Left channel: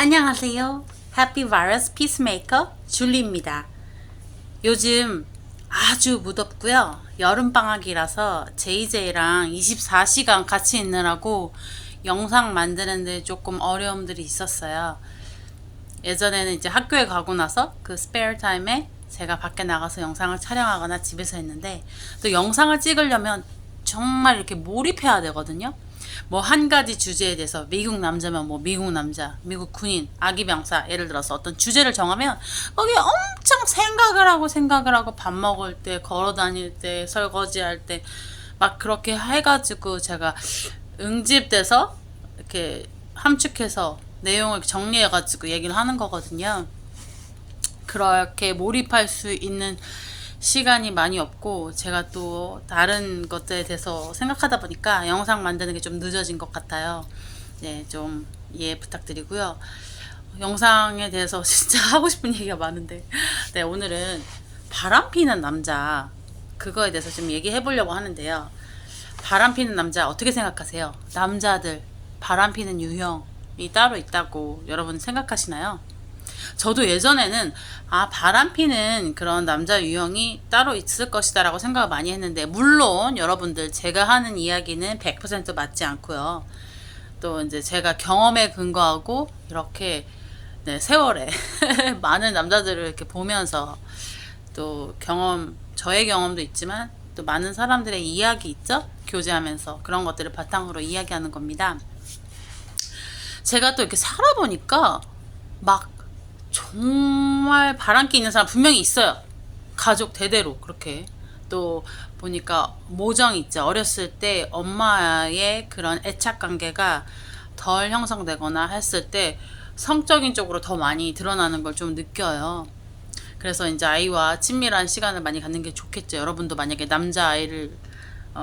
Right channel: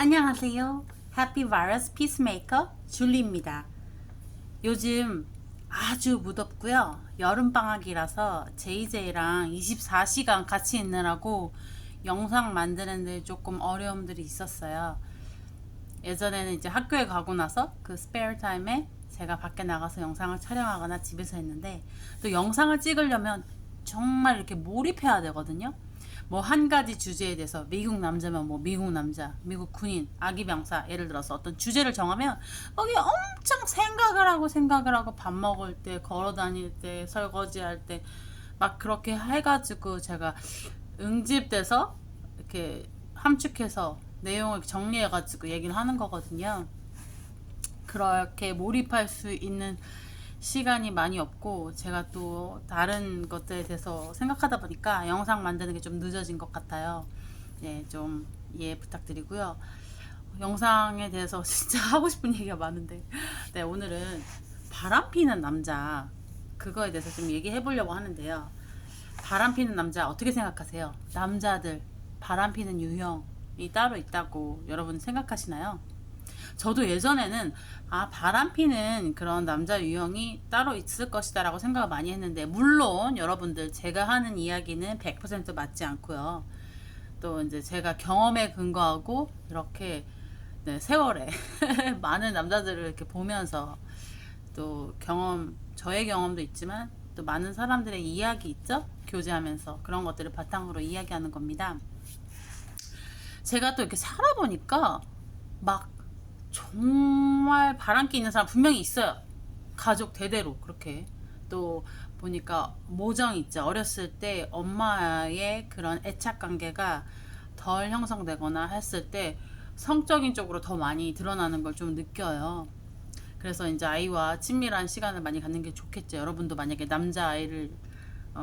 안녕하세요. 해피 바이러스 피스메이커 줄리입니다. 요즘 아주 무덥고요. 여름방학이라서 JJ랑 24시간 같이 있느라고 영상 만드는데 조금 어려움들이 있었어요. 예전에는 이제 학교에 가고 나서 그 스페어 타임에 제가 밖에 나가서 영상을 촬영하거나 집에서 했는데, 또 영상을 찍으려면 정말 이렇게 몰입해야 되거든요. 뭐 한 가지 주제에 대해서 미국 남자면 뭐 미국 남자, 미국 군인, 아기 병사, 예를 들어서 어떤 주제를 정하면 거기에 엄청 생각을 하고 밥 먹을 때, 걸어 다닐 때, 설거지할 때 막 그렇게 해가지고 제가 응집돼서 이렇게 함축해서 내용을 정리해가지고 얘기를 하는 거거든요. 그렇게 몰입할 수 있는 시간이 많이 없고, 제가 또 다른 것들에 대해서 생각하다 보니까 영상 만드는 게 좀 늦어진 것 같아요. 네, 좀 이해 부탁드리고요. 영상에 대해서 진짜 하고 싶은 얘기가 많은데, 네, 오늘은 바람 피는 남자, 그거에 대해서 좀 얘기해 보려고 하는데요. 바람 피는 남자 어떻게 생각하세요? 남자들 바람 피는 유형이 따로 있다고 여러분 생각하시나요? 저도 예전에는 바람 피는 그런 남자 유형이 따로 있을 것이다라고 생각을 많이 했는데, 물론 여러분들 제가 하는 이야기는 100% 맞지 않고요. 또 이제 제가 경험에 근거하고 이렇게, 네, 세월에 많은 남자들을 이렇게 보면서, 또 저의 경험도 있지만 또 많은 사람들의 이야기 있죠? 교제하면서 그런 것들을 바탕으로 이야기하는 겁니다. 제가 또 이렇게 살아보니까 막 정말 바람기 있는 사람 분명히 있어요. 가족 대대로 그렇게. 또 보니까 모정이 있죠. 어렸을 때 엄마의 그런 애착 관계가 덜 형성되거나 했을 때 성적인 쪽으로 더 많이 드러나는 걸 좀 느껴요. 그래서 이제 아이와 친밀한 시간을 많이 갖는 게 좋겠죠. 여러분도 만약에 남자아이를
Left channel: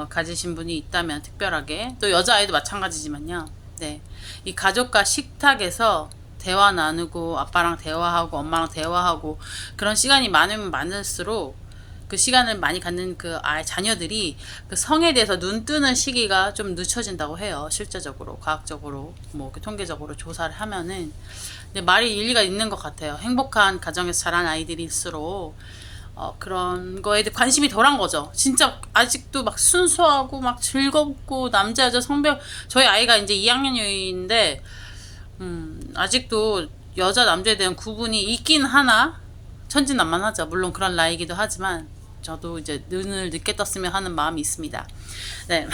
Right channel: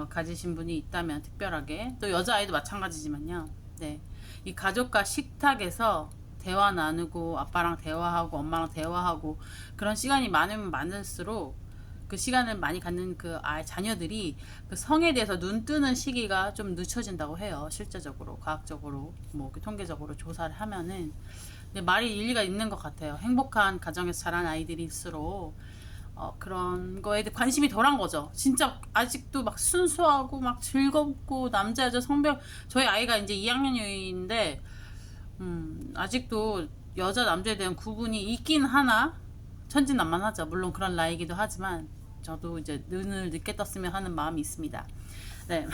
가지신 분이 있다면 특별하게, 또 여자아이도 마찬가지지만요. 네, 이 가족과 식탁에서 대화 나누고 아빠랑 대화하고 엄마랑 대화하고 그런 시간이 많으면 많을수록, 그 시간을 많이 갖는 그 자녀들이 그 성에 대해서 눈 뜨는 시기가 좀 늦춰진다고 해요. 실제적으로 과학적으로 뭐 통계적으로 조사를 하면은. 근데 말이 일리가 있는 것 같아요. 행복한 가정에서 자란 아이들일수록 그런 거에 대해 관심이 덜한 거죠. 진짜 아직도 막 순수하고 막 즐겁고, 남자 여자 성별, 저희 아이가 이제 2학년 유인데 아직도 여자 남자에 대한 구분이 있긴 하나 천진난만하죠. 물론 그런 나이기도 하지만 저도 이제 눈을 늦게 떴으면 하는 마음이 있습니다. 네.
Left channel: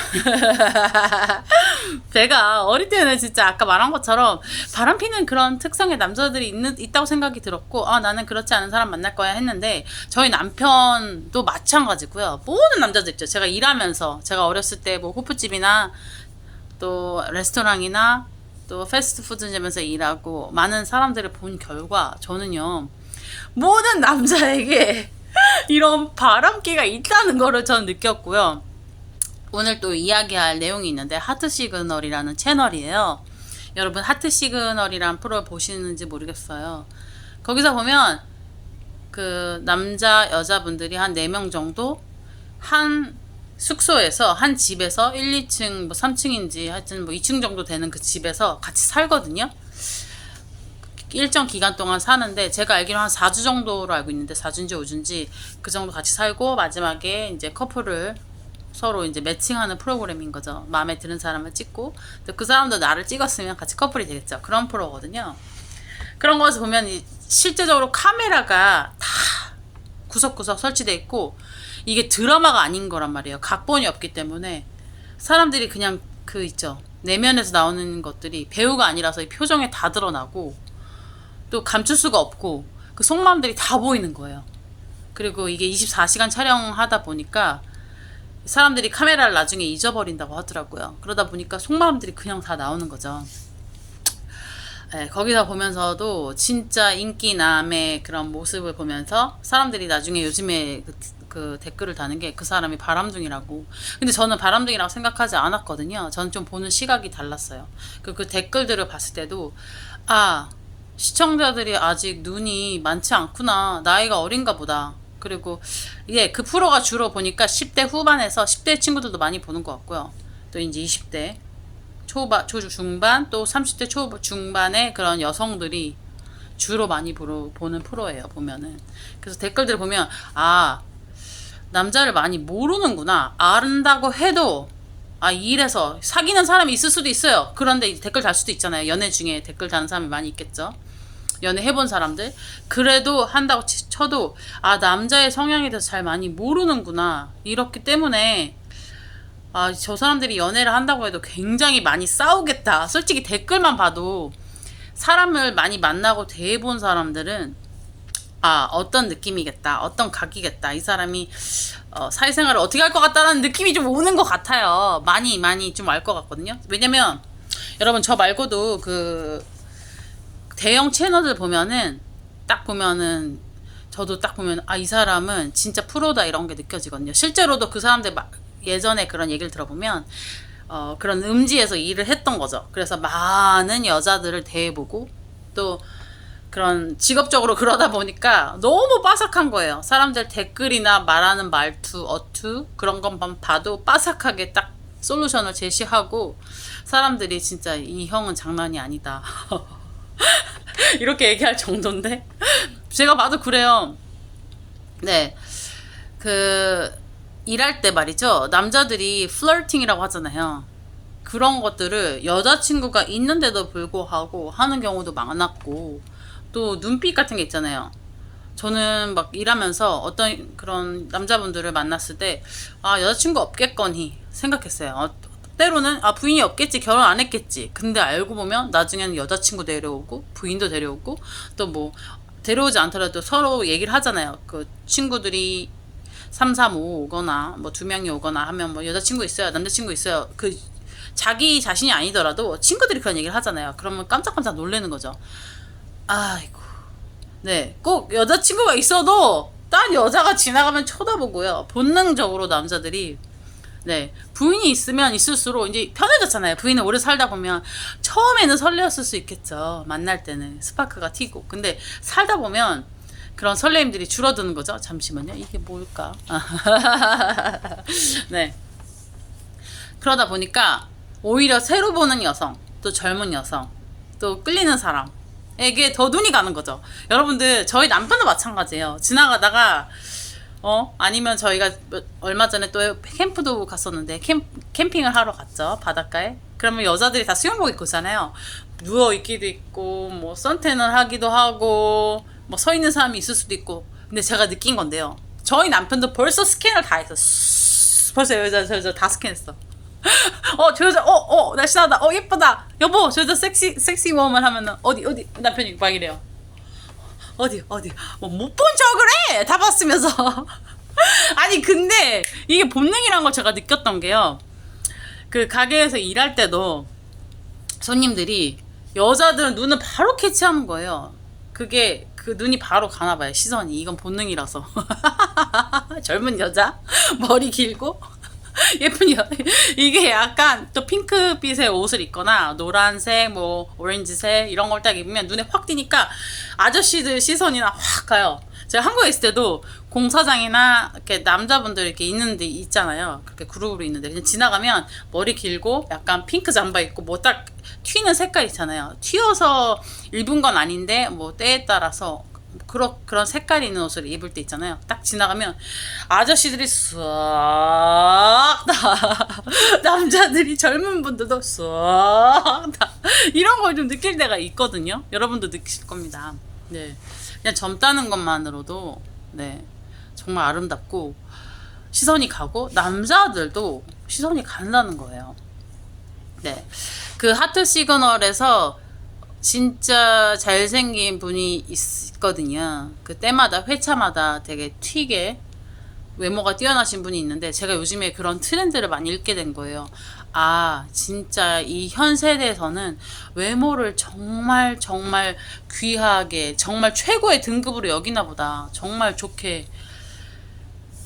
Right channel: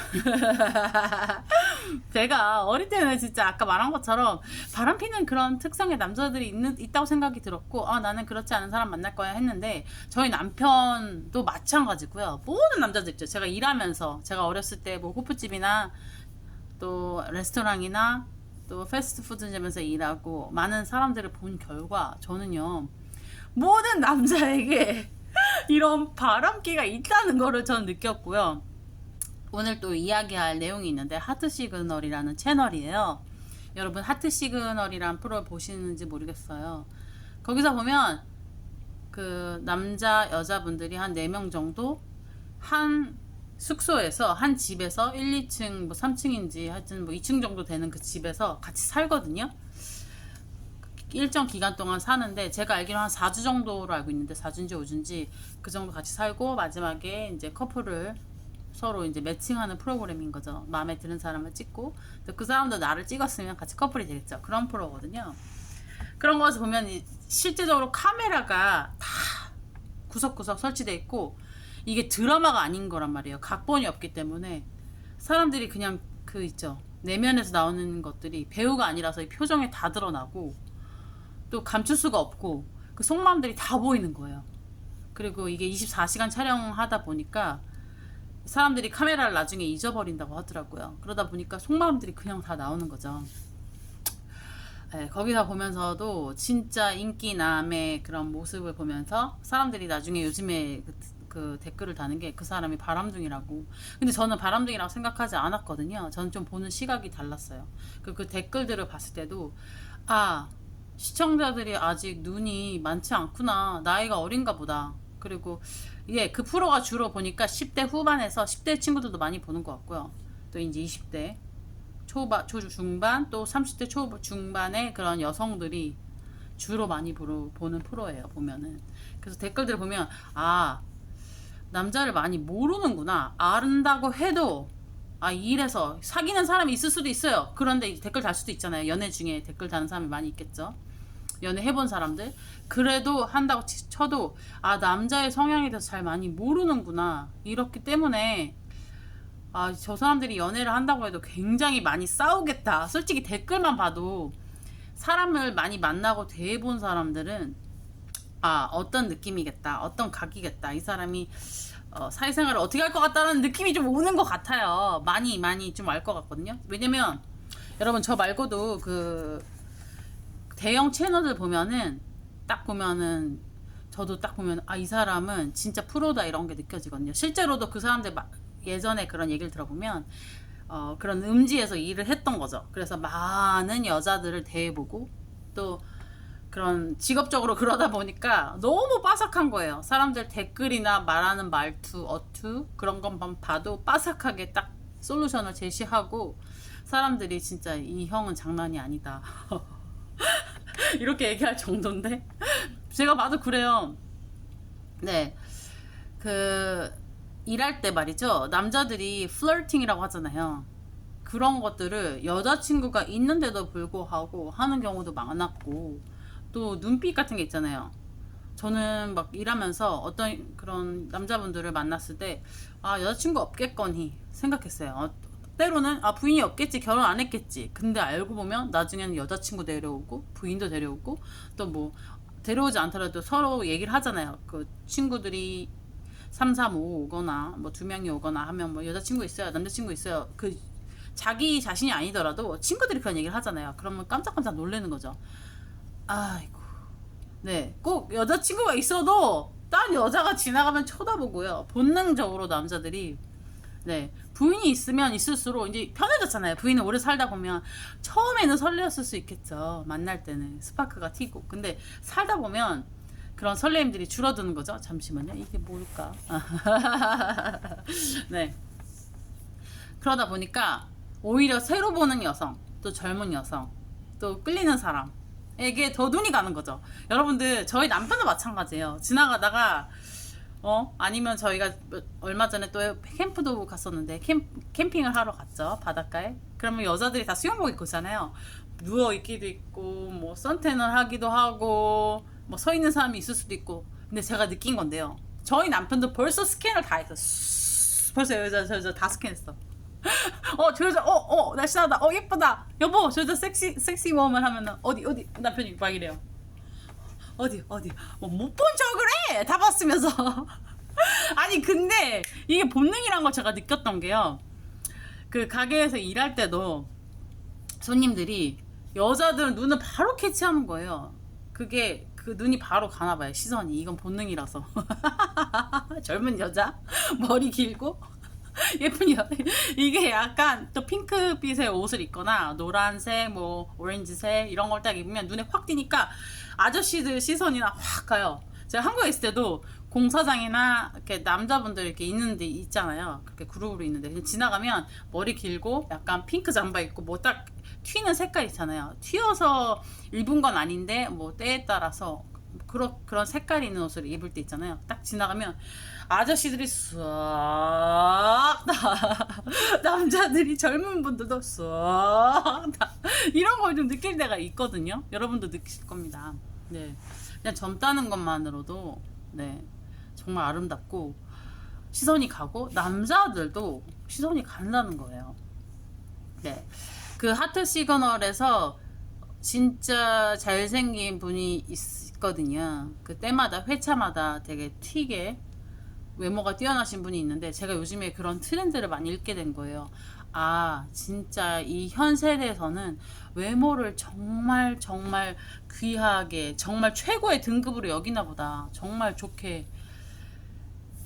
제가 어릴 때는 진짜 아까 말한 것처럼 바람피는 그런 특성의 남자들이 있다고 생각이 들었고, 나는 그렇지 않은 사람 만날 거야 했는데, 저희 남편도 마찬가지고요. 모든 남자들 있죠. 제가 일하면서, 제가 어렸을 때 뭐 호프집이나 또 레스토랑이나 또 패스트푸드점에서 일하고 많은 사람들을 본 결과, 저는요, 모든 남자에게 이런 바람기가 있다는 거를 저는 느꼈고요. 오늘 또 이야기할 내용이 있는데, 하트 시그널이라는 채널이에요. 여러분 하트 시그널이란 프로 보시는지 모르겠어요. 거기서 보면 그 남자 여자분들이 한 4명 정도 한 숙소에서, 한 집에서 1, 2층 뭐 3층인지 하여튼 뭐 2층 정도 되는 그 집에서 같이 살거든요. 일정 기간 동안 사는데, 제가 알기로 한 4주 정도로 알고 있는데, 4주인지 5주인지 그 정도 같이 살고 마지막에 이제 커플을 서로 이제 매칭하는 프로그램인 거죠. 마음에 드는 사람을 찍고 또 그 사람도 나를 찍었으면 같이 커플이 되겠죠. 그런 프로거든요. 그런 것을 보면 실제적으로 카메라가 다 구석구석 설치돼 있고, 이게 드라마가 아닌 거란 말이에요. 각본이 없기 때문에 사람들이 그냥 그 있죠, 내면에서 나오는 것들이 배우가 아니라서 이 표정에 다 드러나고, 또 감출 수가 없고 그 속마음들이 다 보이는 거예요. 그리고 이게 24시간 촬영하다 보니까 사람들이 카메라를 나중에 잊어버린다고 하더라고요. 그러다 보니까 속마음들이 그냥 다 나오는 거죠. 네, 거기서 보면서도 진짜 인기남의 그런 모습을 보면서 사람들이 나중에 요즘에 그 댓글을 다는 게, 그 사람이 바람둥이라고. 근데 저는 바람둥이라고 생각하지 않았거든요. 저는 좀 보는 시각이 달랐어요. 그 댓글들을 봤을 때도, 시청자들이 아직 눈이 많지 않구나, 나이가 어린가 보다. 그리고 그 프로가 주로 보니까 10대 후반에서 10대 친구들도 많이 보는 것 같고요. 또 이제 20대 초중반 또 30대 초중반의 그런 여성들이 주로 많이 보는 프로예요, 보면은. 그래서 댓글들 보면, 아, 남자를 많이 모르는구나. 안다고 해도, 아, 이래서 사귀는 사람이 있을 수도 있어요. 그런데 댓글 달 수도 있잖아요. 연애 중에 댓글 다는 사람이 많이 있겠죠. 연애 해본 사람들. 그래도 한다고 쳐도, 아, 남자의 성향에 대해서 잘 많이 모르는구나. 이렇기 때문에, 아, 저 사람들이 연애를 한다고 해도 굉장히 많이 싸우겠다. 솔직히 댓글만 봐도 사람을 많이 만나고 대해본 사람들은 아, 어떤 느낌이겠다, 어떤 각이겠다, 이 사람이 사회생활을 어떻게 할 것 같다는 느낌이 좀 오는 것 같아요. 많이 좀 알 것 같거든요. 왜냐면 여러분, 저 말고도 그 대형 채널들 보면은 딱 보면은 저도 딱 보면, 아, 이 사람은 진짜 프로다, 이런 게 느껴지거든요. 실제로도 그 사람들 예전에 그런 얘기를 들어보면 그런 음지에서 일을 했던 거죠. 그래서 많은 여자들을 대해보고 또 그런 직업적으로 그러다 보니까 너무 빠삭한 거예요. 사람들 댓글이나 말하는 말투, 어투 그런 것만 봐도 빠삭하게 딱 솔루션을 제시하고, 사람들이 진짜 이 형은 장난이 아니다 이렇게 얘기할 정도인데 제가 봐도 그래요. 네, 그 일할 때 말이죠. 남자들이 플러팅이라고 하잖아요. 그런 것들을 여자친구가 있는데도 불구하고 하는 경우도 많았고, 또 눈빛 같은 게 있잖아요. 저는 막 일하면서 어떤 그런 남자분들을 만났을 때, 아, 여자친구 없겠거니 생각했어요. 때로는, 아, 부인이 없겠지, 결혼 안 했겠지. 근데 알고 보면 나중에는 여자친구 데려오고 부인도 데려오고, 또 뭐 데려오지 않더라도 서로 얘기를 하잖아요. 그 친구들이 3, 3, 5 오거나 뭐 2명이 오거나 하면, 뭐 여자친구 있어요, 남자친구 있어요, 그 자기 자신이 아니더라도 친구들이 그런 얘기를 하잖아요. 그러면 깜짝깜짝 놀라는 거죠. 아이고. 네, 꼭 여자친구가 있어도 딴 여자가 지나가면 쳐다보고요. 본능적으로 남자들이, 네, 부인이 있으면 있을수록 이제 편해졌잖아요. 부인은 오래 살다 보면 처음에는 설레었을 수 있겠죠. 만날 때는 스파크가 튀고. 근데 살다 보면 그런 설레임들이 줄어드는 거죠. 잠시만요. 이게 뭘까? 네. 그러다 보니까 오히려 새로 보는 여성, 또 젊은 여성, 또 끌리는 사람에게 더 눈이 가는 거죠. 여러분들, 저희 남편도 마찬가지예요. 지나가다가 아니면 저희가 얼마 전에 또 캠프도 갔었는데, 캠핑을 하러 갔죠, 바닷가에. 그러면 여자들이 다 수영복 입고 있잖아요. 누워 있기도 있고, 뭐 선탠을 하기도 하고, 뭐 서 있는 사람이 있을 수도 있고. 근데 제가 느낀 건데요, 저희 남편도 벌써 스캔을 다 했어. 벌써 저 여자 다 스캔했어. 저 여자, 날씬하다, 예쁘다, 여보, 저 여자 섹시 워먼 하면은, 어디, 남편이 막 이래요. 어디, 뭐 못 본 척을 해! 다 봤으면서. 아니, 근데 이게 본능이란 걸 제가 느꼈던 게요, 그 가게에서 일할 때도 손님들이 여자들은 눈을 바로 캐치하는 거예요. 그게 그 눈이 바로 가나 봐요, 시선이. 이건 본능이라서. 젊은 여자, 머리 길고 예쁜 이게 약간 또 핑크빛의 옷을 입거나 노란색, 뭐 오렌지색 이런 걸 딱 입으면 눈에 확 띄니까 아저씨들 시선이나 확 가요. 제가 한국에 있을 때도 공사장이나 이렇게 남자분들 이렇게 있는데 있잖아요. 그렇게 그룹으로 있는데 그냥 지나가면 머리 길고 약간 핑크 잠바 입고 뭐 딱 튀는 색깔 있잖아요. 튀어서 입은 건 아닌데 뭐 때에 따라서 그런 색깔 있는 옷을 입을 때 있잖아요. 딱 지나가면 아저씨들이 싹 다, 남자들이, 젊은 분들도 싹 다 이런 걸 좀 느낄 때가 있거든요. 여러분도 느끼실 겁니다. 네, 그냥 젊다는 것만으로도, 네, 정말 아름답고 시선이 가고, 남자들도 시선이 간다는 거예요. 네, 그 하트 시그널에서 진짜 잘생긴 분이 있거든요. 그 때마다 회차마다 되게 튀게 외모가 뛰어나신 분이 있는데, 제가 요즘에 그런 트렌드를 많이 읽게 된 거예요. 아, 진짜 이 현 세대에서는 외모를 정말 귀하게, 정말 최고의 등급으로 여기나 보다. 정말 좋게,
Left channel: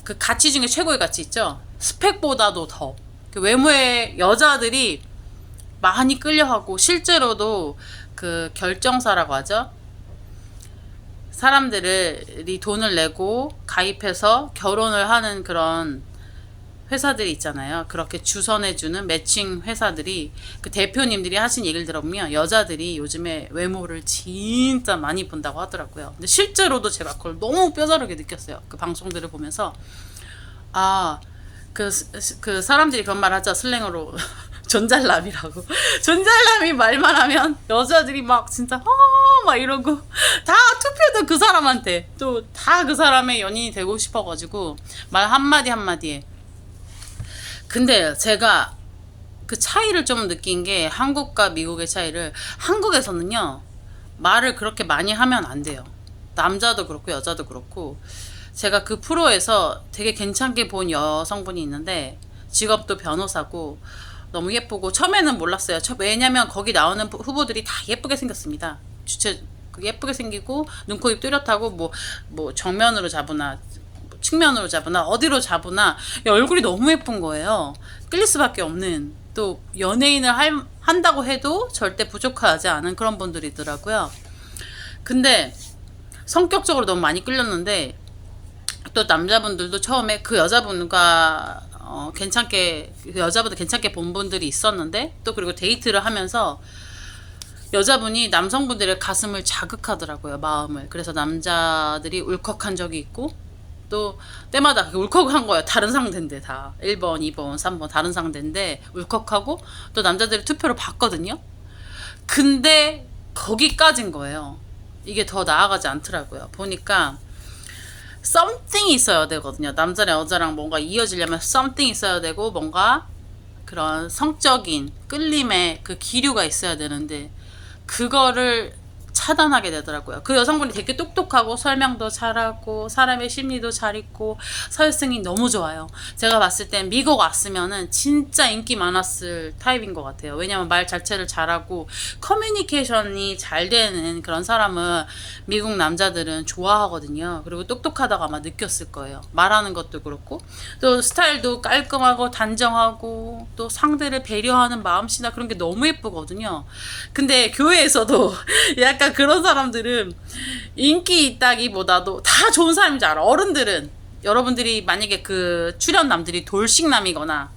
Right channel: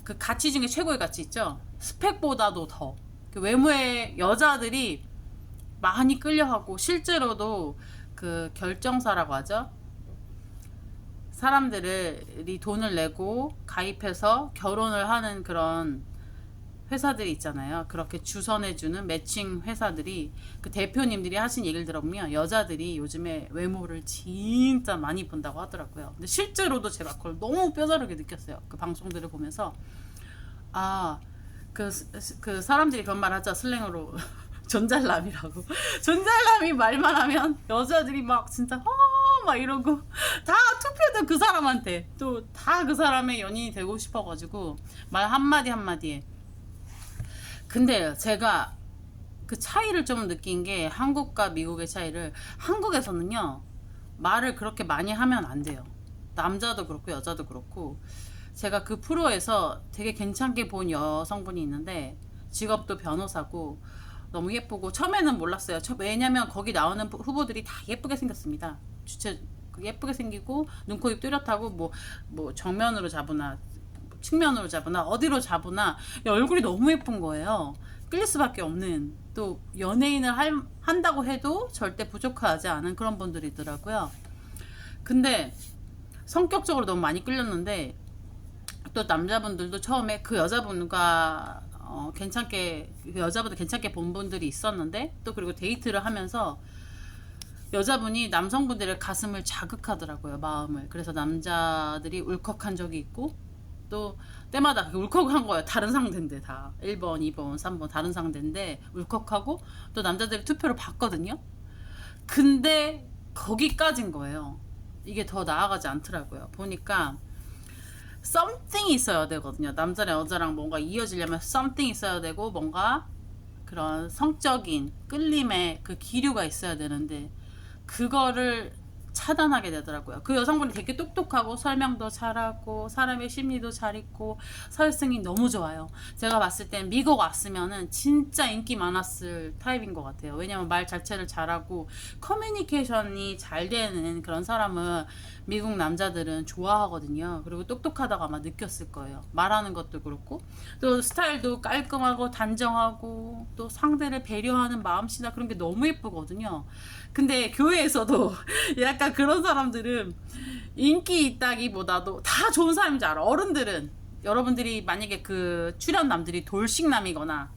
그 가치 중에 최고의 가치 있죠. 스펙보다도 더 그 외모에 여자들이 많이 끌려하고, 실제로도 그 결정사라고 하죠. 사람들이 돈을 내고 가입해서 결혼을 하는 그런 회사들이 있잖아요. 그렇게 주선해주는 매칭 회사들이 그 대표님들이 하신 얘기를 들어보면 여자들이 요즘에 외모를 진짜 많이 본다고 하더라고요. 근데 실제로도 제가 그걸 너무 뼈저리게 느꼈어요. 그 방송들을 보면서 아, 그 사람들이 그런 말 하죠. 슬랭으로 존잘남이라고. 존잘남이 말만 하면 여자들이 막 진짜 막 이러고 다 투표도 그 사람한테 또 다 그 사람의 연인이 되고 싶어가지고 말 한마디 한마디에. 근데 제가 그 차이를 좀 느낀 게 한국과 미국의 차이를 한국에서는요 말을 그렇게 많이 하면 안 돼요. 남자도 그렇고 여자도 그렇고 제가 그 프로에서 되게 괜찮게 본 여성분이 있는데 직업도 변호사고 너무 예쁘고 처음에는 몰랐어요. 왜냐면 거기 나오는 후보들이 다 예쁘게 생겼습니다. 주체 예쁘게 생기고 눈, 코, 입 뚜렷하고 뭐 정면으로 잡으나 측면으로 잡으나 어디로 잡으나 얼굴이 너무 예쁜 거예요. 끌릴 수밖에 없는 또 연예인을 한다고 해도 절대 부족하지 않은 그런 분들이더라고요. 근데 성격적으로 너무 많이 끌렸는데 또 남자분들도 처음에 그 여자분과 괜찮게 그 여자분들 괜찮게 본 분들이 있었는데 또 그리고 데이트를 하면서 여자분이 남성분들의 가슴을 자극하더라고요. 마음을. 그래서 남자들이 울컥한 적이 있고 또 때마다 울컥한 거예요. 다른 상대인데 다 1번, 2번, 3번 다른 상대인데 울컥하고 또 남자들이 투표를 받거든요. 근데 거기까진 거예요. 이게 더 나아가지 않더라고요. 보니까 something 있어야 되거든요. 남자랑 여자랑 뭔가 이어지려면 something 있어야 되고 뭔가 그런 성적인 끌림의 그 기류가 있어야 되는데 그거를 차단하게 되더라고요. 그 여성분이 되게 똑똑하고 설명도 잘하고 사람의 심리도 잘 있고 사회성이 너무 좋아요. 제가 봤을 땐 미국 왔으면은 진짜 인기 많았을 타입인 것 같아요. 왜냐면 말 자체를 잘하고 커뮤니케이션이 잘 되는 그런 사람은 미국 남자들은 좋아하거든요. 그리고 똑똑하다고 아마 느꼈을 거예요. 말하는 것도 그렇고 또 스타일도 깔끔하고 단정하고 또 상대를 배려하는 마음씨나 그런 게 너무 예쁘거든요. 근데 교회에서도 약간 그런 사람들은 인기 있다기보다도 다 좋은 사람인 줄 알아. 어른들은 여러분들이 만약에 그 출연남들이 돌싱남이거나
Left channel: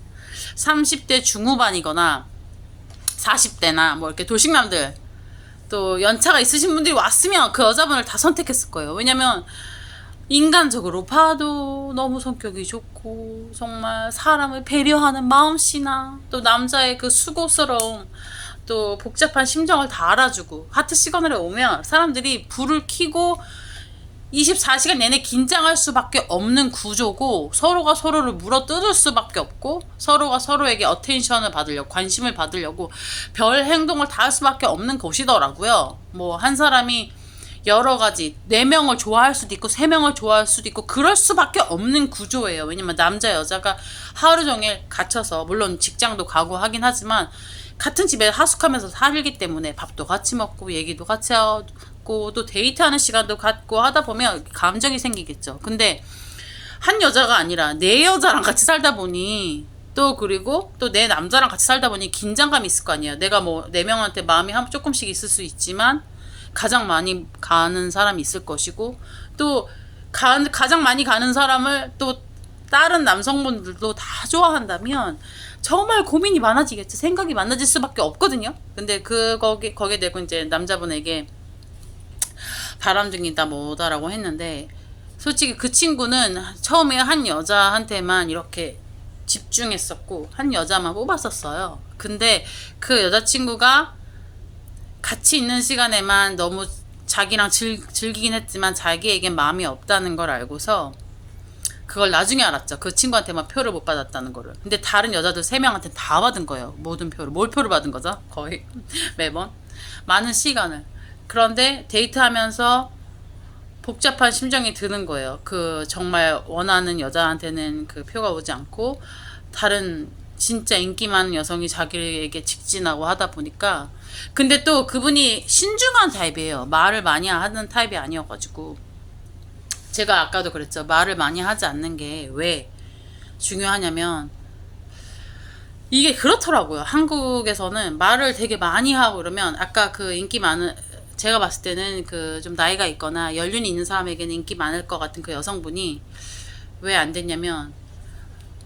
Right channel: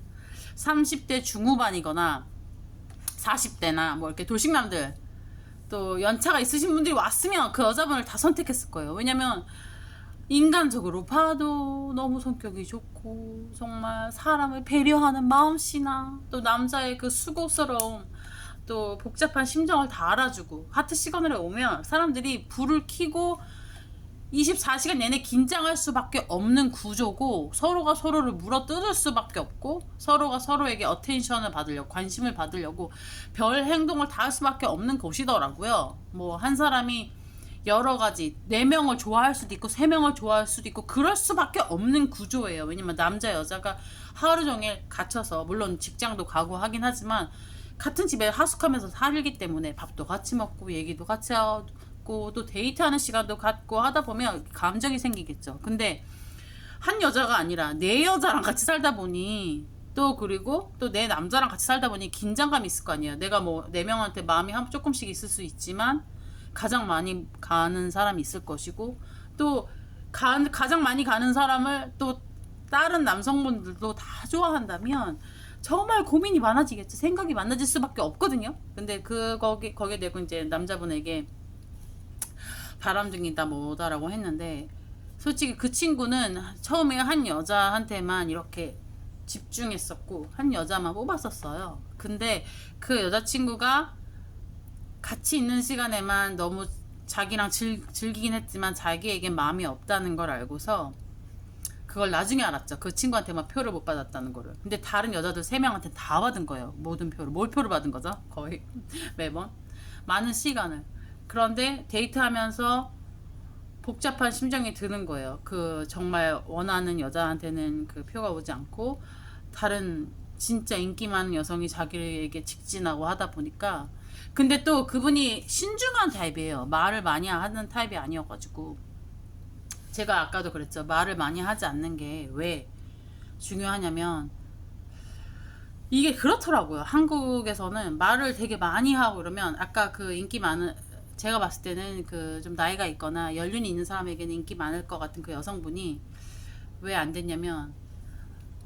30대 중후반이거나 40대나 뭐 이렇게 돌싱남들 또 연차가 있으신 분들이 왔으면 그 여자분을 다 선택했을 거예요. 왜냐면 인간적으로 봐도 너무 성격이 좋고 정말 사람을 배려하는 마음씨나 또 남자의 그 수고스러움 또 복잡한 심정을 다 알아주고 하트 시그널에 오면 사람들이 불을 켜고 24시간 내내 긴장할 수밖에 없는 구조고 서로가 서로를 물어뜯을 수밖에 없고 서로가 서로에게 어텐션을 받으려고 관심을 받으려고 별 행동을 다 할 수밖에 없는 곳이더라고요. 뭐 한 사람이 여러 가지 4명을 좋아할 수도 있고 3명을 좋아할 수도 있고 그럴 수밖에 없는 구조예요. 왜냐면 남자 여자가 하루 종일 갇혀서 물론 직장도 가고 하긴 하지만 같은 집에 하숙하면서 살기 때문에 밥도 같이 먹고 얘기도 같이 하고 또 데이트하는 시간도 갖고 하다 보면 감정이 생기겠죠. 근데 한 여자가 아니라 4여자랑 같이 살다 보니 또 그리고 또 내 남자랑 같이 살다 보니 긴장감이 있을 거 아니에요. 내가 뭐 4명한테 마음이 조금씩 있을 수 있지만 가장 많이 가는 사람이 있을 것이고 또 가장 많이 가는 사람을 또 다른 남성분들도 다 좋아한다면 정말 고민이 많아지겠죠. 생각이 많아질 수밖에 없거든요. 근데 거기에 대고 이제 남자분에게 바람둥이다 뭐다라고 했는데 솔직히 그 친구는 처음에 한 여자한테만 이렇게 집중했었고 한 여자만 뽑았었어요. 근데 그 여자친구가 같이 있는 시간에만 너무 자기랑 즐기긴 했지만 자기에겐 마음이 없다는 걸 알고서 그걸 나중에 알았죠. 그 친구한테만 표를 못 받았다는 거를. 근데 다른 여자들 3명한테 다 받은 거예요. 모든 표를. 뭘 표를 받은 거죠? 거의 매번. 많은 시간을. 그런데 데이트하면서 복잡한 심정이 드는 거예요. 그 정말 원하는 여자한테는 그 표가 오지 않고 다른 진짜 인기 많은 여성이 자기에게 직진하고 하다 보니까 근데 또 그분이 신중한 타입이에요. 말을 많이 하는 타입이 아니어가지고 제가 아까도 그랬죠. 말을 많이 하지 않는 게 왜 중요하냐면 이게 그렇더라고요. 한국에서는 말을 되게 많이 하고 그러면 아까 그 인기 많은 제가 봤을 때는 그 좀 나이가 있거나 연륜이 있는 사람에게는 인기 많을 것 같은 그 여성분이 왜 안 됐냐면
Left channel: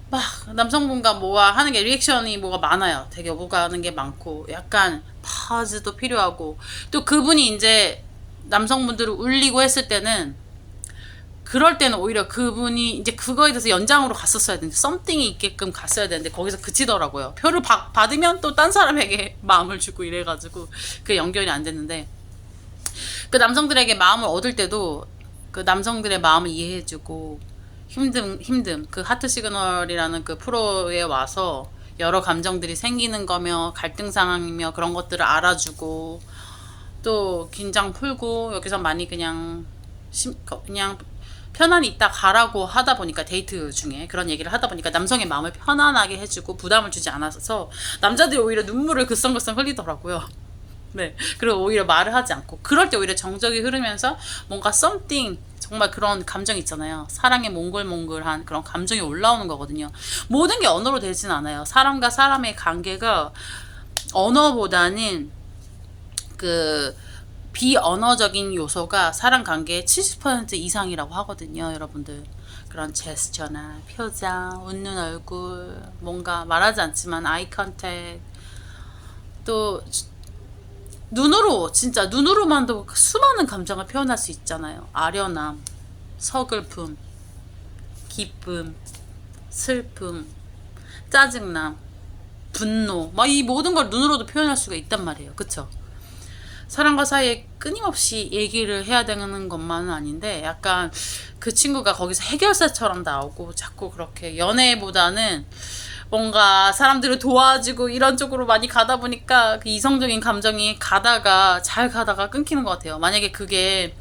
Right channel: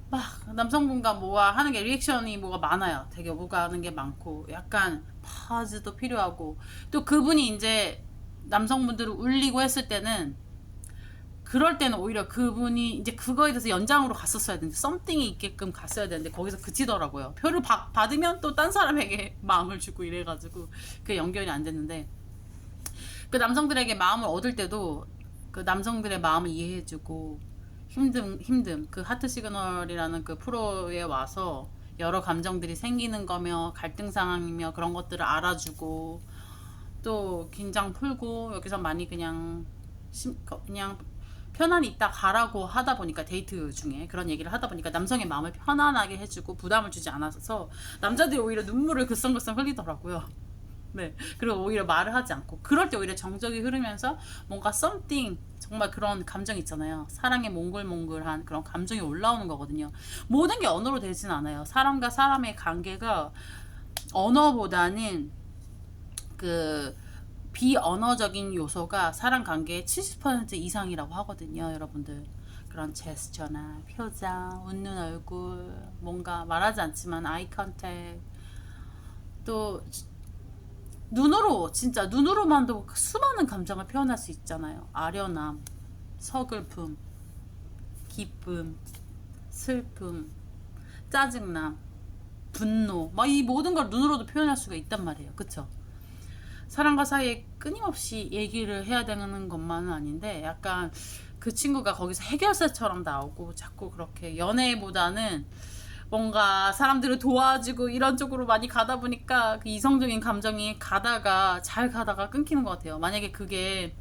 막 남성분과 뭐가 하는 게 리액션이 뭐가 많아요. 되게 오가는 게 많고 약간 파즈도 필요하고 또 그분이 이제 남성분들을 울리고 했을 때는 그럴 때는 오히려 그분이 이제 그거에 대해서 연장으로 갔었어야 되는데 썸띵이 있게끔 갔어야 되는데 거기서 그치더라고요. 표를 받으면 또 딴 사람에게 마음을 주고 이래가지고 그게 연결이 안 됐는데 그 남성들에게 마음을 얻을 때도 그 남성들의 마음을 이해해주고 힘듦 그 하트 시그널이라는 그 프로에 와서 여러 감정들이 생기는 거며 갈등 상황이며 그런 것들을 알아주고 또 긴장 풀고 여기서 많이 그냥 편안히 있다 가라고 하다 보니까 데이트 중에 그런 얘기를 하다 보니까 남성의 마음을 편안하게 해주고 부담을 주지 않아서 남자들이 오히려 눈물을 글썽글썽 흘리더라고요. 네. 그리고 오히려 말을 하지 않고 그럴 때 오히려 정적이 흐르면서 뭔가 something 정말 그런 감정 있잖아요. 사랑의 몽글몽글한 그런 감정이 올라오는 거거든요. 모든 게 언어로 되진 않아요. 사람과 사람의 관계가 언어보다는 그 비언어적인 요소가 사람 관계의 70% 이상이라고 하거든요, 여러분들. 그런 제스처나 표정, 웃는 얼굴, 뭔가 말하지 않지만 아이 컨택, 또 눈으로 진짜 눈으로만도 수많은 감정을 표현할 수 있잖아요. 아련함, 서글픔, 기쁨, 슬픔, 짜증남, 분노, 막 이 모든 걸 눈으로도 표현할 수가 있단 말이에요. 그쵸? 사람과 사이에 끊임없이 얘기를 해야 되는 것만은 아닌데 약간 그 친구가 거기서 해결사처럼 나오고 자꾸 그렇게 연애보다는 뭔가 사람들을 도와주고 이런 쪽으로 많이 가다 보니까 그 이성적인 감정이 잘 가다가 끊기는 것 같아요. 만약에 그게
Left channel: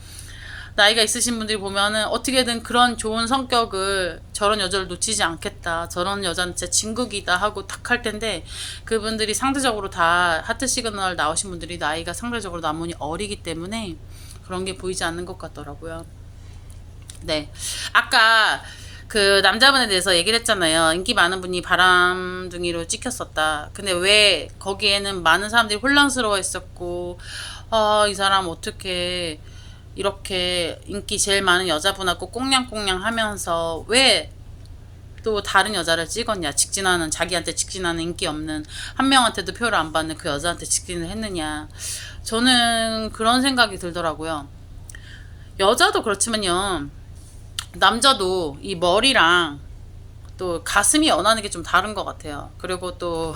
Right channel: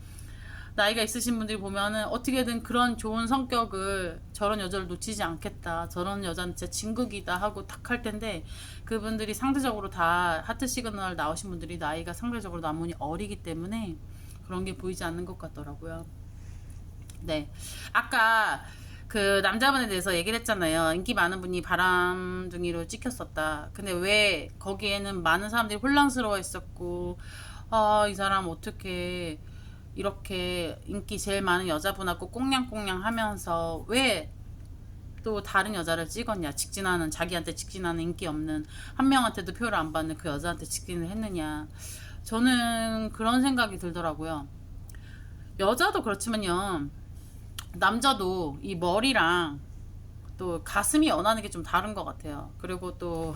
나이가 있으신 분들이 보면은 어떻게든 그런 좋은 성격을 저런 여자를 놓치지 않겠다. 저런 여자는 진짜 진국이다 하고 탁 할 텐데 그분들이 상대적으로 다 하트 시그널 나오신 분들이 나이가 상대적으로 나문이 어리기 때문에 그런 게 보이지 않는 것 같더라고요. 네. 아까 그 남자분에 대해서 얘기를 했잖아요. 인기 많은 분이 바람둥이로 찍혔었다. 근데 왜 거기에는 많은 사람들이 혼란스러워 했었고, 아, 이 사람 어떻게 이렇게 인기 제일 많은 여자분하고 꽁냥꽁냥 하면서 왜 또 다른 여자를 찍었냐. 자기한테 직진하는 인기 없는 한 명한테도 표를 안 받는 그 여자한테 직진을 했느냐. 저는 그런 생각이 들더라고요. 여자도 그렇지만요. 남자도 이 머리랑 또 가슴이 연하는 게 좀 다른 것 같아요. 그리고 또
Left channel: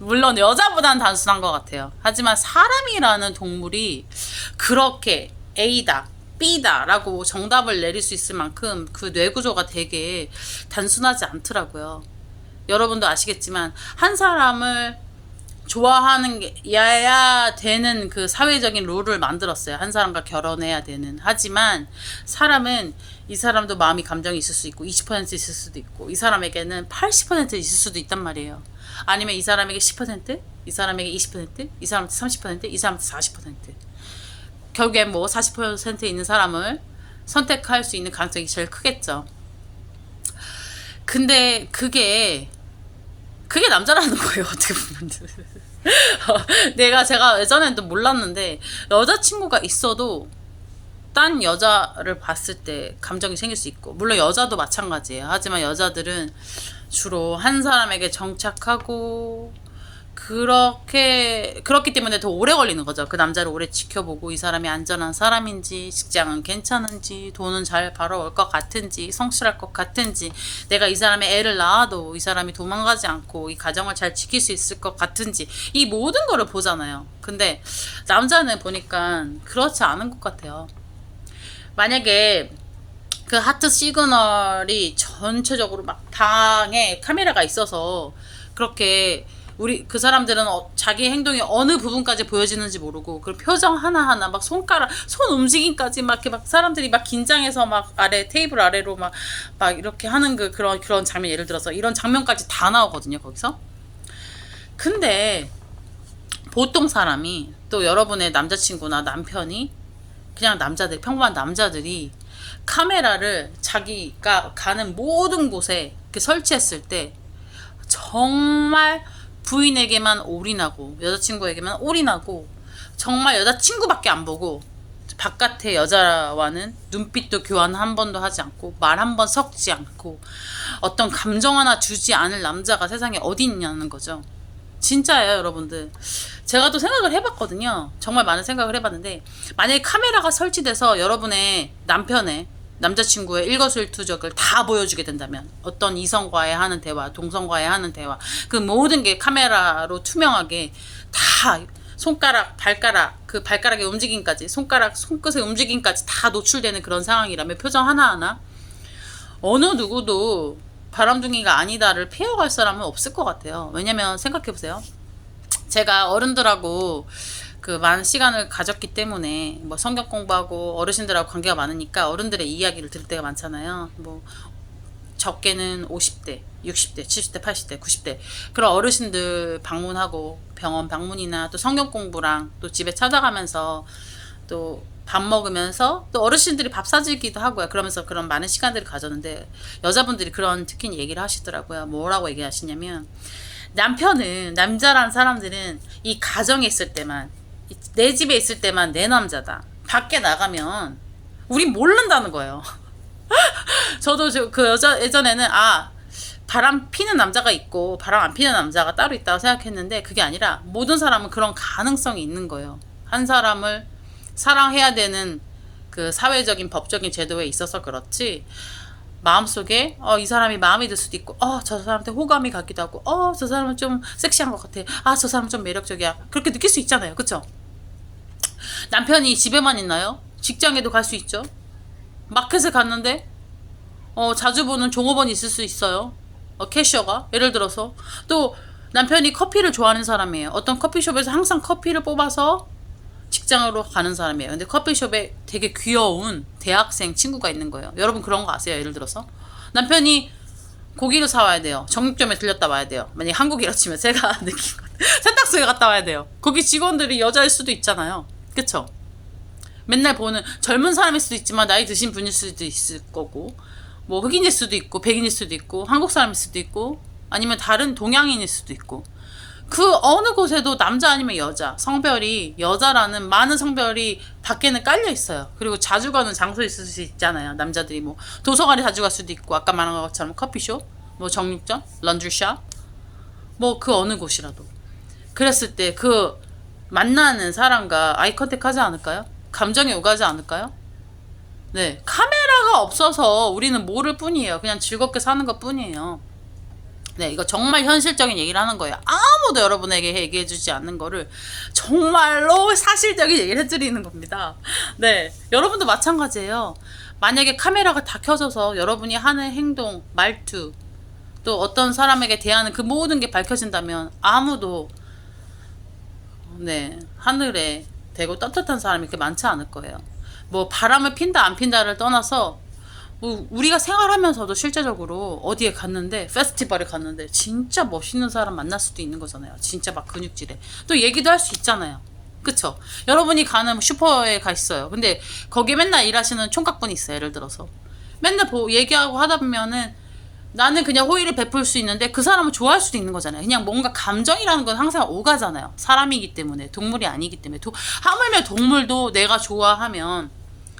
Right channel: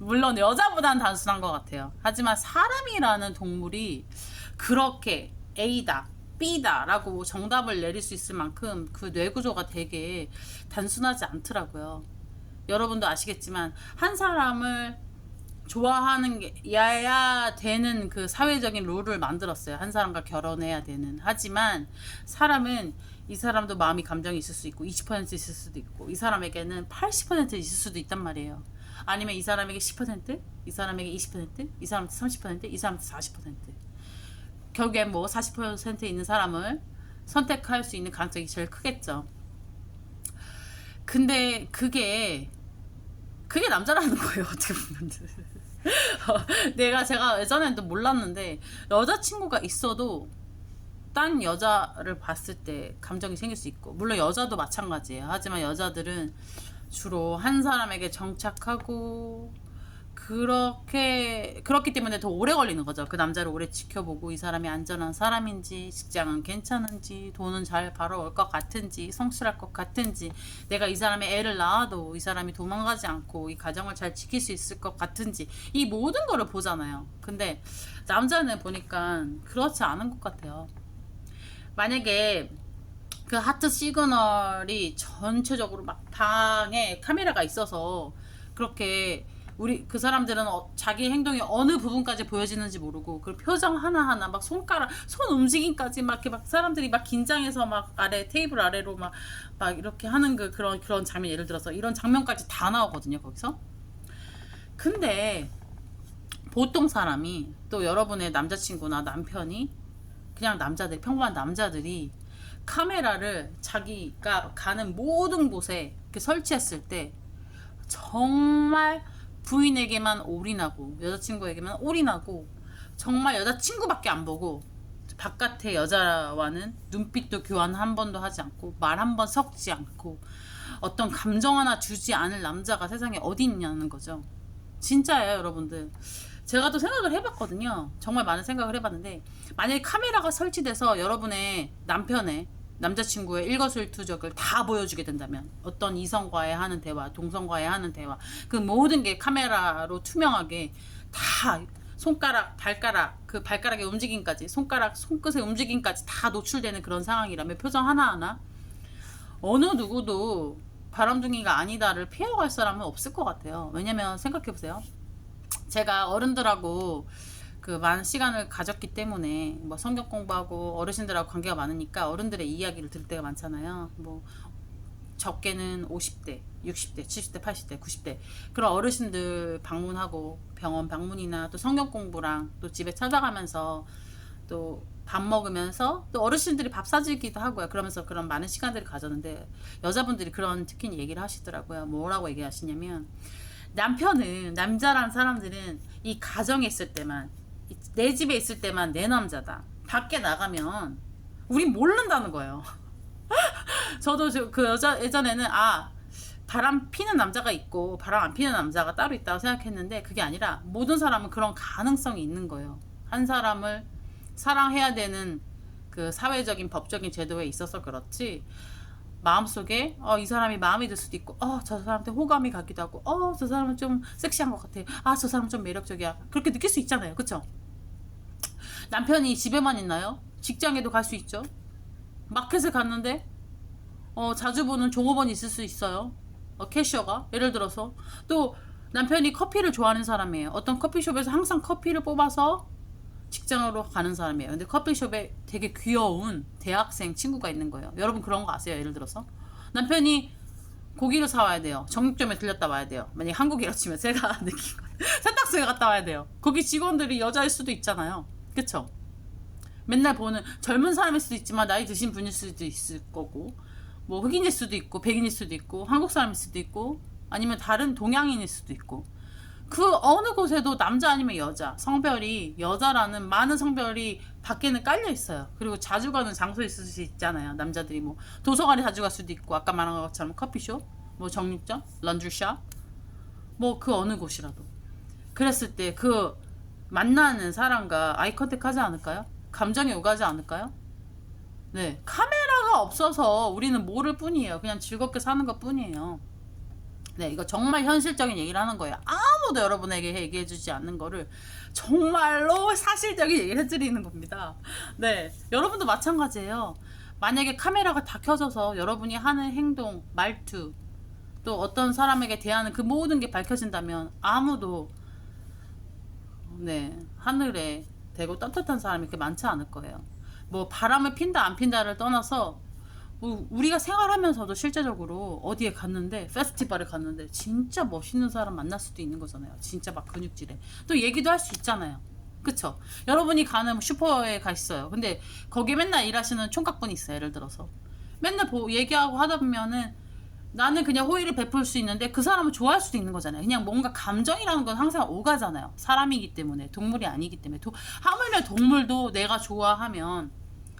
물론 여자보다는 단순한 것 같아요. 하지만 사람이라는 동물이 그렇게 A다, B다 라고 정답을 내릴 수 있을 만큼 그 뇌구조가 되게 단순하지 않더라고요. 여러분도 아시겠지만 한 사람을 좋아하는 게 야야 되는 그 사회적인 룰을 만들었어요. 한 사람과 결혼해야 되는. 하지만 사람은 이 사람도 마음이 감정이 있을 수 있고 20% 있을 수도 있고 이 사람에게는 80% 있을 수도 있단 말이에요. 아니면 이 사람에게 10%, 이 사람에게 20%, 이 사람한테 30%, 이 사람한테 40%. 결국엔 뭐 40% 있는 사람을 선택할 수 있는 가능성이 제일 크겠죠. 근데 그게 남자라는 거예요. 어떻게 보면. 제가 예전에는 또 몰랐는데 여자친구가 있어도 딴 여자를 봤을 때 감정이 생길 수 있고 물론 여자도 마찬가지예요. 하지만 여자들은 주로 한 사람에게 정착하고 그렇기 때문에 더 오래 걸리는 거죠. 그 남자를 오래 지켜보고 이 사람이 안전한 사람인지, 직장은 괜찮은지, 돈은 잘 벌어올 것 같은지, 성실할 것 같은지, 내가 이 사람의 애를 낳아도 이 사람이 도망가지 않고 이 가정을 잘 지킬 수 있을 것 같은지, 이 모든 거를 보잖아요. 근데 남자는 보니까 그렇지 않은 것 같아요. 만약에 그 하트 시그널이 전체적으로 막 방에 카메라가 있어서 그렇게 그 사람들은 자기 행동이 어느 부분까지 보여지는지 모르고 그 표정 하나하나 막 손 움직임까지 막 이렇게 막 사람들이 막 긴장해서 막 테이블 아래로 막 이렇게 하는 그런 장면 예를 들어서 이런 장면까지 다 나오거든요, 거기서. 근데 보통 사람이 또 여러분의 남자친구나 남편이 그냥 평범한 남자들이 카메라를 자기가 가는 모든 곳에 이렇게 설치했을 때 정말 부인에게만 올인하고 여자친구에게만 올인하고 정말 여자친구밖에 안 보고 바깥의 여자와는 눈빛도 교환 한 번도 하지 않고 말 한 번 섞지 않고 어떤 감정 하나 주지 않을 남자가 세상에 어디 있냐는 거죠. 진짜예요, 여러분들. 제가 또 생각을 해봤거든요. 정말 많은 생각을 해봤는데, 만약에 카메라가 설치돼서 여러분의 남편의 남자친구의 일거수일투족을 다 보여주게 된다면, 어떤 이성과의 하는 대화, 동성과의 하는 대화, 그 모든 게 카메라로 투명하게 다 손가락, 발가락, 그 발가락의 움직임까지, 손끝의 움직임까지 다 노출되는 그런 상황이라면 표정 하나하나 어느 누구도 바람둥이가 아니다를 피해갈 사람은 없을 것 같아요. 왜냐면 생각해보세요. 제가 어른들하고 그 많은 시간을 가졌기 때문에 뭐 성경 공부하고 어르신들하고 관계가 많으니까 어른들의 이야기를 들을 때가 많잖아요. 뭐 적게는 50대, 60대, 70대, 80대, 90대 그런 어르신들 방문하고 병원 방문이나 또 성경 공부랑 또 집에 찾아가면서 또 밥 먹으면서 또 어르신들이 밥 사주기도 하고요. 그러면서 그런 많은 시간들을 가졌는데 여자분들이 그런 특히 얘기를 하시더라고요. 뭐라고 얘기하시냐면 남편은 남자란 사람들은 이 가정에 있을 때만 내 집에 있을 때만 내 남자다. 밖에 나가면 우린 모른다는 거예요. 저도 그 여자 예전에는 바람 피는 남자가 있고 바람 안 피는 남자가 따로 있다고 생각했는데 그게 아니라 모든 사람은 그런 가능성이 있는 거예요. 한 사람을 사랑해야 되는 그 사회적인 법적인 제도에 있어서 그렇지 마음속에 이 사람이 마음에 들 수도 있고 저 사람한테 호감이 가기도 하고 저 사람은 좀 섹시한 것 같아. 저 사람은 좀 매력적이야. 그렇게 느낄 수 있잖아요. 그쵸? 남편이 집에만 있나요? 직장에도 갈 수 있죠. 마켓에 갔는데 자주 보는 종업원이 있을 수 있어요. 캐셔가 예를 들어서 또 남편이 커피를 좋아하는 사람이에요. 어떤 커피숍에서 항상 커피를 뽑아서 직장으로 가는 사람이에요. 근데 커피숍에 되게 귀여운 대학생 친구가 있는 거예요. 여러분 그런 거 아세요? 예를 들어서 남편이 고기를 사와야 돼요. 정육점에 들렸다 와야 돼요. 만약에 한국이라 치면 제가 느낀 건 세탁소에 갔다 와야 돼요. 거기 직원들이 여자일 수도 있잖아요. 그쵸? 맨날 보는 젊은 사람일 수도 있지만 나이 드신 분일 수도 있을 거고 뭐 흑인일 수도 있고 백인일 수도 있고 한국 사람일 수도 있고 아니면 다른 동양인일 수도 있고 그 어느 곳에도 남자 아니면 여자 성별이 여자라는 많은 성별이 밖에는 깔려 있어요. 그리고 자주 가는 장소에 있을 수 있잖아요. 남자들이 뭐 도서관에 자주 갈 수도 있고 아까 말한 것처럼 커피숍 뭐 정육점 런드리샵 뭐 그 어느 곳이라도 그랬을 때 그 만나는 사람과 아이 컨택 하지 않을까요? 감정이 오가지 않을까요? 네, 카메라가 없어서 우리는 모를 뿐이에요. 그냥 즐겁게 사는 것 뿐이에요. 네, 이거 정말 현실적인 얘기를 하는 거예요. 아무도 여러분에게 얘기해주지 않는 거를 정말로 사실적인 얘기를 해드리는 겁니다. 네, 여러분도 마찬가지예요. 만약에 카메라가 다 켜져서 여러분이 하는 행동, 말투, 또 어떤 사람에게 대하는 그 모든 게 밝혀진다면 아무도 하늘에 대고 떳떳한 사람이 그렇게 많지 않을 거예요. 뭐 바람을 핀다 안 핀다를 떠나서 뭐 우리가 생활하면서도 실제적으로 어디에 갔는데 페스티벌에 갔는데 진짜 멋있는 사람 만날 수도 있는 거잖아요. 진짜 막 근육질에 또 얘기도 할 수 있잖아요. 그쵸? 여러분이 가는 슈퍼에 가 있어요. 근데 거기에 맨날 일하시는 총각분이 있어요. 예를 들어서 맨날 얘기하고 하다 보면은 나는 그냥 호의를 베풀 수 있는데 그 사람은 좋아할 수도 있는 거잖아요. 그냥 뭔가 감정이라는 건 항상 오가잖아요. 사람이기 때문에 동물이 아니기 때문에 하물며 동물도 내가 좋아하면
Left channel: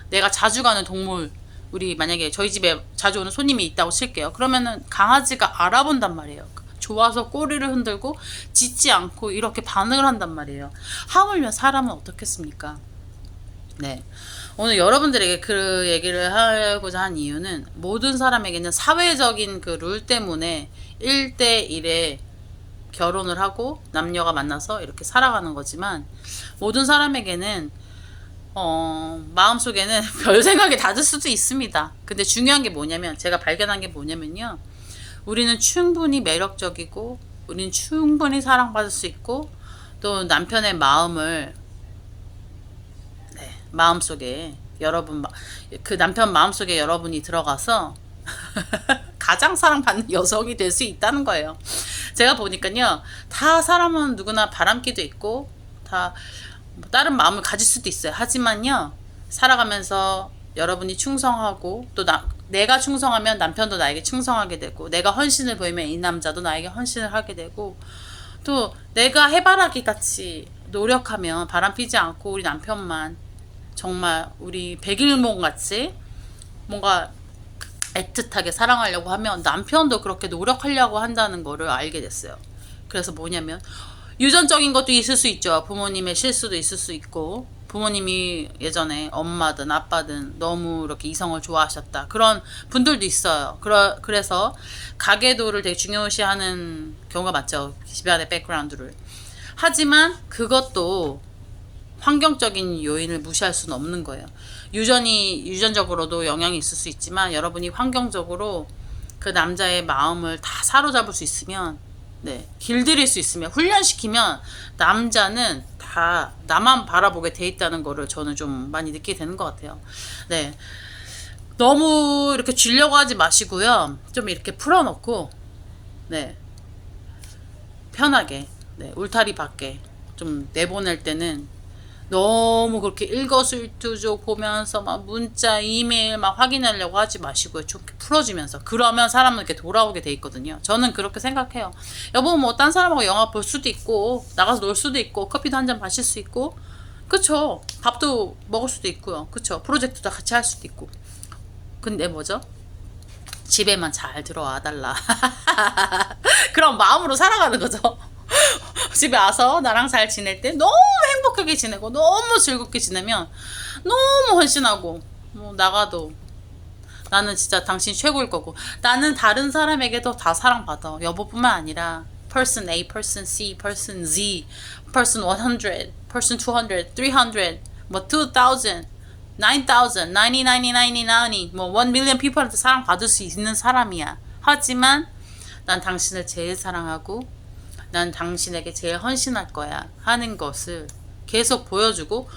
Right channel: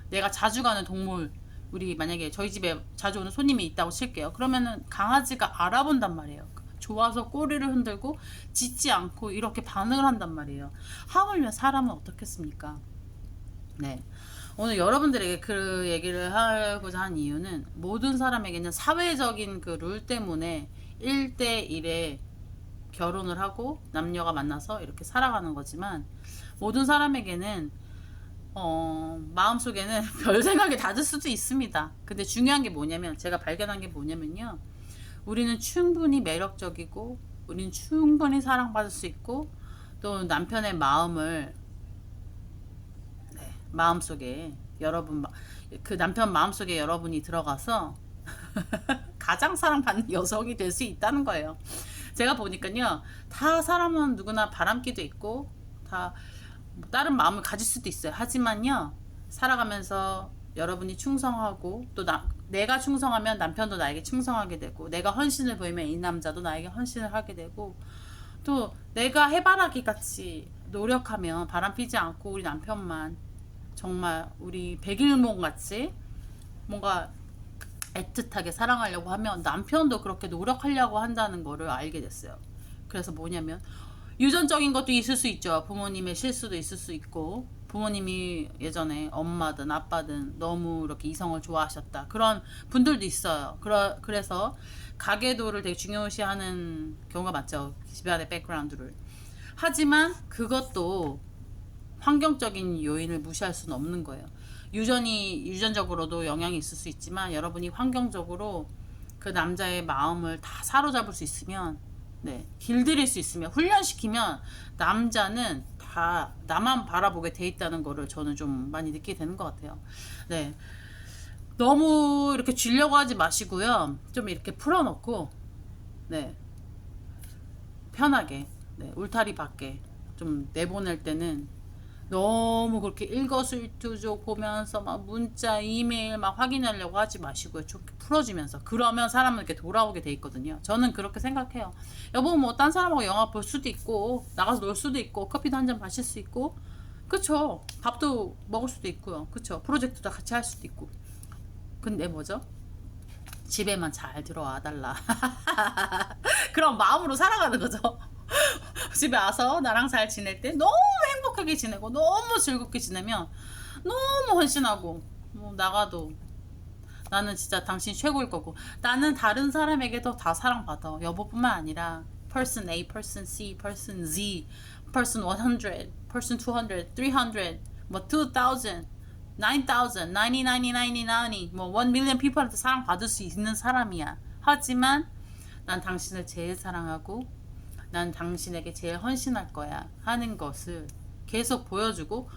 내가 자주 가는 동물 우리 만약에 저희 집에 자주 오는 손님이 있다고 칠게요. 그러면은 강아지가 알아본단 말이에요. 좋아서 꼬리를 흔들고 짖지 않고 이렇게 반응을 한단 말이에요. 하물며 사람은 어떻겠습니까? 네. 오늘 여러분들에게 그 얘기를 하고자 한 이유는 모든 사람에게는 사회적인 그 룰 때문에 1대1에 결혼을 하고 남녀가 만나서 이렇게 살아가는 거지만 모든 사람에게는 마음속에는 별 생각이 닿을 수도 있습니다. 근데 중요한 게 뭐냐면 제가 발견한 게 뭐냐면요. 우리는 충분히 매력적이고 우리는 충분히 사랑받을 수 있고 또 남편의 마음을 마음속에 여러분 그 남편 마음속에 여러분이 들어가서 가장 사랑받는 여성이 될 수 있다는 거예요. 제가 보니까요. 다 사람은 누구나 바람기도 있고 다 다른 마음을 가질 수도 있어요. 하지만요. 살아가면서 여러분이 충성하고 또 내가 충성하면 남편도 나에게 충성하게 되고 내가 헌신을 보이면 이 남자도 나에게 헌신을 하게 되고 또 내가 해바라기 같이 노력하면 바람 피지 않고 우리 남편만 정말 우리 백일몽 같이 뭔가 애틋하게 사랑하려고 하면 남편도 그렇게 노력하려고 한다는 거를 알게 됐어요. 그래서 뭐냐면 유전적인 것도 있을 수 있죠. 부모님의 실수도 있을 수 있고 부모님이 예전에 엄마든 아빠든 너무 이렇게 이성을 좋아하셨다 그런 분들도 있어요. 그래서 가계도를 되게 중요시하는 경우가 많죠. 집안의 백그라운드를. 하지만 그것도 환경적인 요인을 무시할 수는 없는 거예요. 유전적으로도 영향이 있을 수 있지만 여러분이 환경적으로 그 남자의 마음을 다 사로잡을 수 있으면, 네, 길들일 수 있으면, 훈련시키면 남자는 다 나만 바라보게 돼 있다는 거를 저는 좀 많이 느끼게 되는 것 같아요. 네, 너무 이렇게 쥐려고 하지 마시고요. 좀 이렇게 풀어놓고, 네, 편하게, 네, 울타리 밖에 좀 내보낼 때는 너무 그렇게 일거수일투족 보면서 막 문자, 이메일 막 확인하려고 하지 마시고요. 좀 풀어주면서. 그러면 사람은 이렇게 돌아오게 돼 있거든요. 저는 그렇게 생각해요. 여보, 뭐, 딴 사람하고 영화 볼 수도 있고, 나가서 놀 수도 있고, 커피도 한 잔 마실 수 있고, 그쵸. 밥도 먹을 수도 있고요. 그쵸. 프로젝트도 같이 할 수도 있고. 근데 뭐죠? 집에만 잘 들어와 달라. 그런 마음으로 살아가는 거죠. 집에 와서 나랑 잘 지낼 때 너무 행복하게 지내고 너무 즐겁게 지내면 너무 헌신하고 뭐 나가도 나는 진짜 당신 최고일 거고 나는 다른 사람에게도 다 사랑받아. 여보뿐만 아니라 person A, person C, person Z, person 100, person 200, 300, 뭐 2000, 9000, 90, 뭐 1 million people한테 사랑받을 수 있는 사람이야. 하지만 난 당신을 제일 사랑하고 난 당신에게 제일 헌신할 거야 하는 것을 계속 보여주고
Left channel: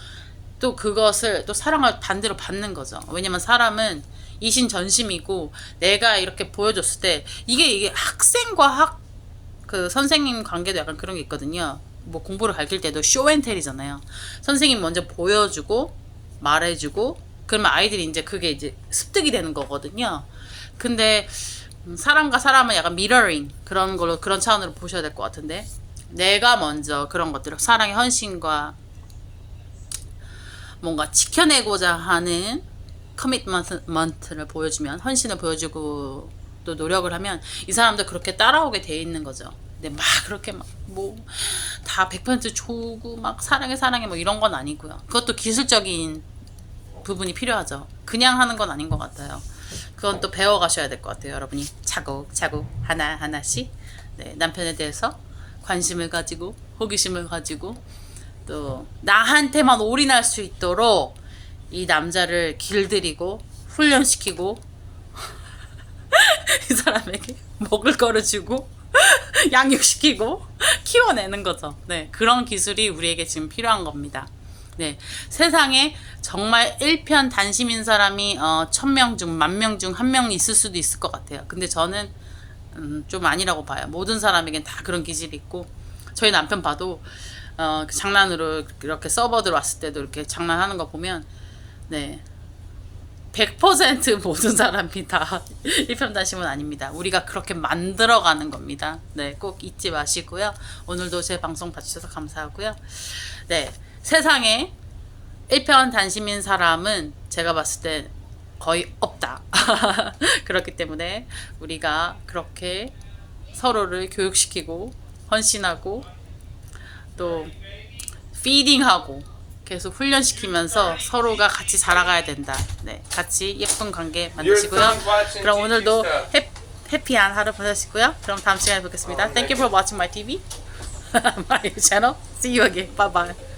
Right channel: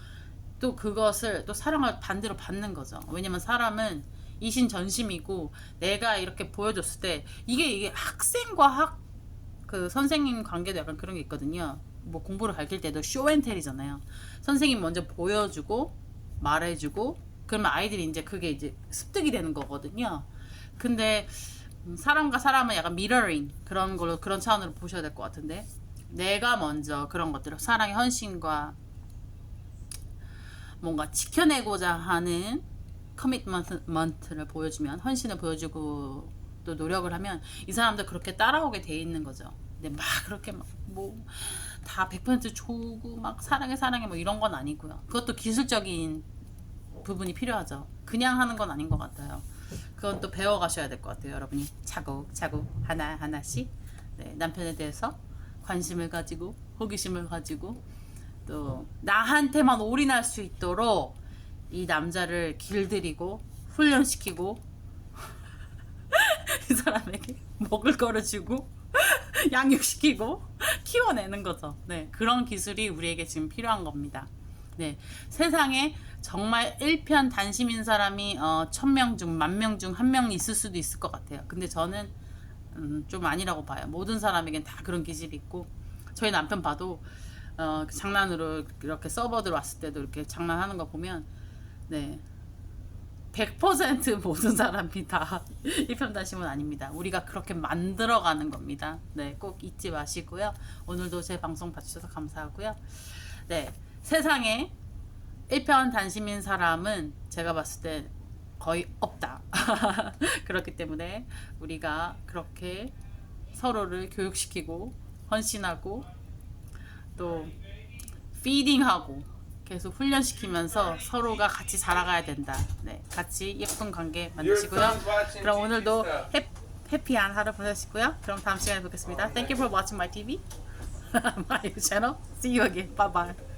또 그것을 또 사랑을 반대로 받는 거죠. 왜냐면 사람은 이신전심이고 내가 이렇게 보여줬을 때 이게 학생과 그 선생님 관계도 약간 그런 게 있거든요. 뭐 공부를 가르칠 때도 쇼앤텔이잖아요. 선생님 먼저 보여주고 말해주고 그러면 아이들이 이제 그게 이제 습득이 되는 거거든요. 근데 사람과 사람은 약간 미러링 그런 걸로 그런 차원으로 보셔야 될 것 같은데 내가 먼저 그런 것들을 사랑의 헌신과 뭔가 지켜내고자 하는 커미트먼트를 보여주면 헌신을 보여주고 또 노력을 하면 이 사람도 그렇게 따라오게 돼 있는 거죠. 근데 막 그렇게 막 뭐 다 100% 좋고 막 사랑해 뭐 이런 건 아니고요. 그것도 기술적인 부분이 필요하죠. 그냥 하는 건 아닌 것 같아요. 그건 또 배워가셔야 될 것 같아요. 여러분이 차곡차곡 하나하나씩 네, 남편에 대해서 관심을 가지고 호기심을 가지고 또 나한테만 올인할 수 있도록 이 남자를 길들이고 훈련시키고 이 사람에게 먹을 거를 주고 양육시키고 키워내는 거죠. 네, 그런 기술이 우리에게 지금 필요한 겁니다. 네, 세상에 정말 일편단심인 사람이 1000명 중 10,000명 중 1명 있을 수도 있을 것 같아요. 근데 저는 좀 아니라고 봐요. 모든 사람에겐 다 그런 기질이 있고 저희 남편 봐도 장난으로 이렇게 서버들 왔을 때도 이렇게 장난하는 거 보면 네, 100% 모든 사람이 다 일편단심은 아닙니다. 우리가 그렇게 만들어가는 겁니다. 네, 꼭 잊지 마시고요. 오늘도 제 방송 봐주셔서 감사하고요. 네, 세상에 일편단심인 사람은 제가 봤을 때 거의 없다. 그렇기 때문에 우리가 그렇게 서로를 교육시키고 헌신하고 또 피딩하고 계속 훈련시키면서 서로가 같이 자라가야 된다. 네, 같이 예쁜 관계 만드시고요. 그럼 오늘도 해피한 하루 보내시고요. 그럼 다음 시간에 뵙겠습니다. Thank you for watching my TV, my channel. See you again. Bye bye.